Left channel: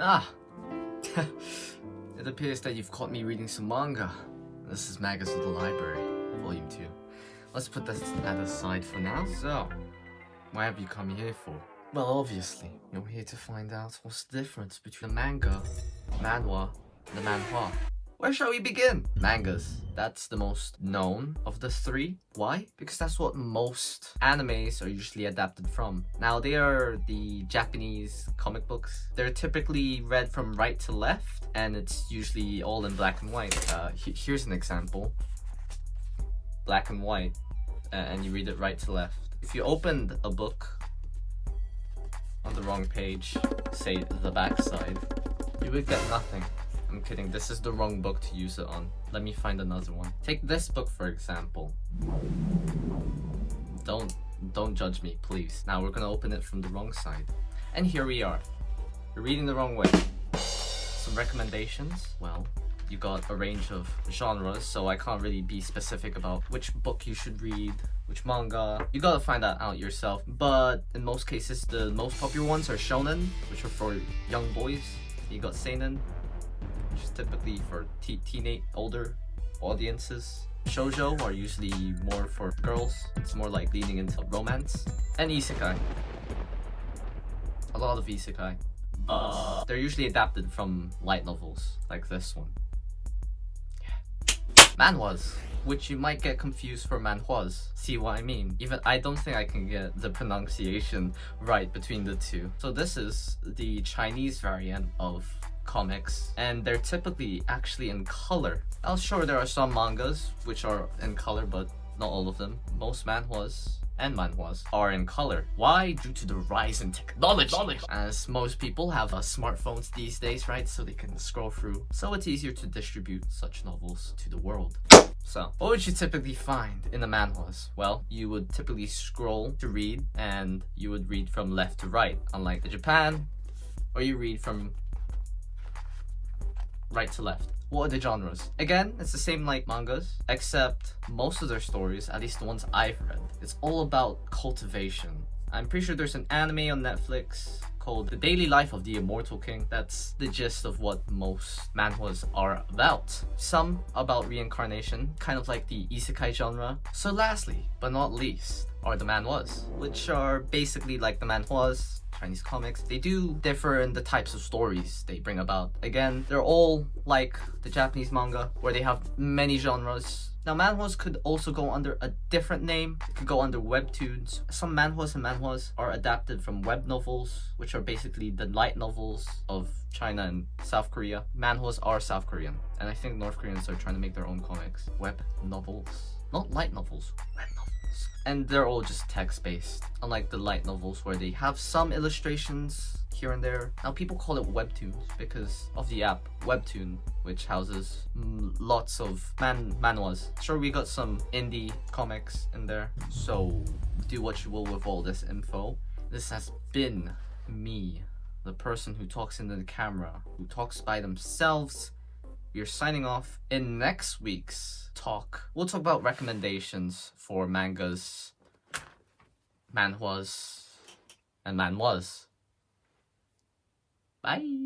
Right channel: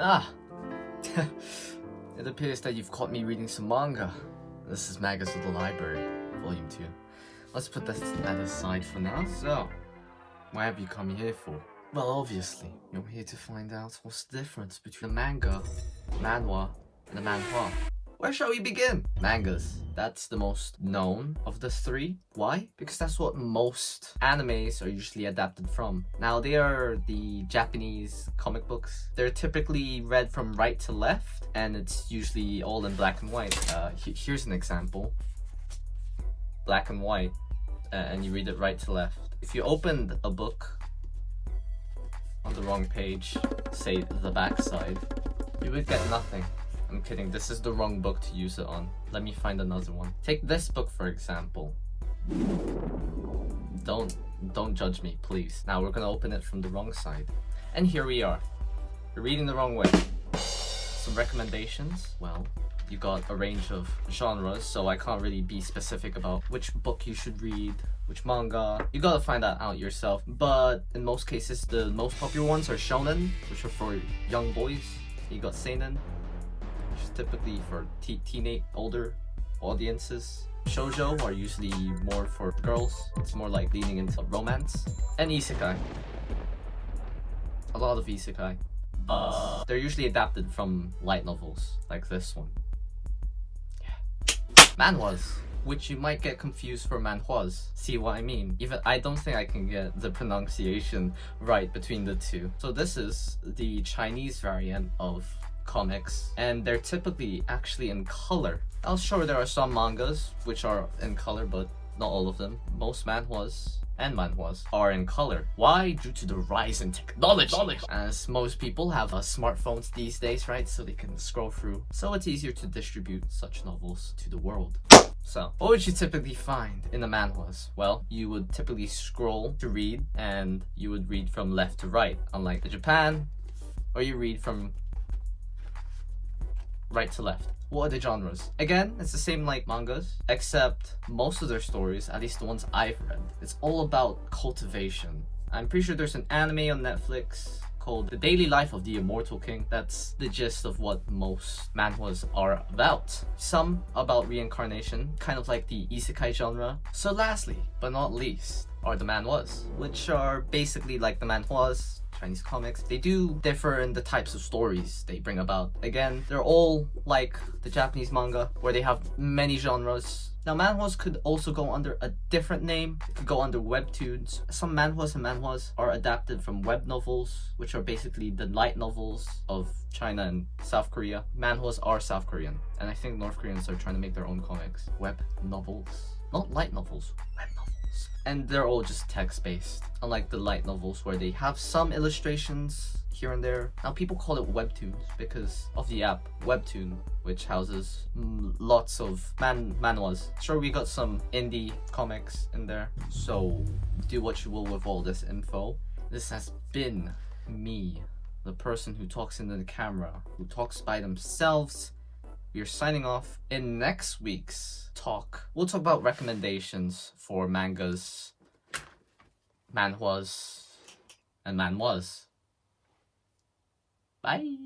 Ah, it appears that you've caught me reading some manga. This is Manga's Little Library, Volume 2. Let's put that aside for now. So, what have you come here for? Well, obviously, you're here to find out what's the difference between the manga, manhwa, and the manhwa. Where shall we begin? Mangas. That's the most known of the three. Why? Because that's what most animes are usually adapted from. Now, they are the Japanese comic books. They're typically read from right to left, and it's usually all in black and white. Here's an example. Black and white, and you read it right to left. If you opened a book on the wrong page, say the back side, you would get nothing. I'm kidding, this is the wrong book to use it on. Let me find another one. Take this book for example. Don't judge me, please. Now we're gonna open it from the wrong side. And here we are. You're reading the wrong way. Some recommendations? Well, you got a range of genres, so I can't really be specific about which book you should read, which manga. You gotta find that out yourself. But in most cases, the most popular ones are shonen, which are for young boys. You got seinen, which is typically for teenage, older audiences. Shoujo are usually more for girls. It's more like leaning into romance. And isekai. A lot of isekai. They're usually adapted from light novels, like this one. Manhwas, which you might get confused for manhwas. See what I mean? Even I don't think I can get the pronunciation right between the two. So this is the Chinese variant of comics, and they're typically actually in color. Now sure, there are some mangas which are in color, but not all of them. Most manhwas and manhwas are in color. Why? Due to the rise in technology. As most people have smartphones these days, right? So they can scroll through. So it's easier to distribute such novels to the world. So, what would you typically find in the manhwas? Well, you would typically scroll to read, and you would read from left to right, unlike the Japan, or you read from right to left. What are the genres? Again, it's the same like mangas, except most of their stories, at least the ones I've read, it's all about cultivation. I'm pretty sure there's an anime on Netflix called The Daily Life of the Immortal King. That's the gist of what most manhwas are about. Some about reincarnation, kind of like the isekai genre. So lastly, but not least, are the manhwas, which are basically like the manhwas, Chinese comics. They do differ in the types of stories they bring about. Again, they're all like the Japanese manga, where they have many genres. Now, manhwas could also go under a different name. It could go under webtoons. Some manhwas are adapted from web novels, which are basically the light novels of China and South Korea. Manhwas are South Korean, and I think North Koreans are trying to make their own comics. Web novels. Not light novels, web novels. And they're all just text-based, unlike the light novels where they have some illustrations here and there. Now, people call it webtoons because of the app Webtoon, which houses lots of manhwas. Sure, we got some indie comics in there, so do what you will with all this info. This has been me, the person who talks into the camera, who talks by themselves. We are signing off. In next week's talk, we'll talk about recommendations for mangas, manhwas, and manhwas. Bye!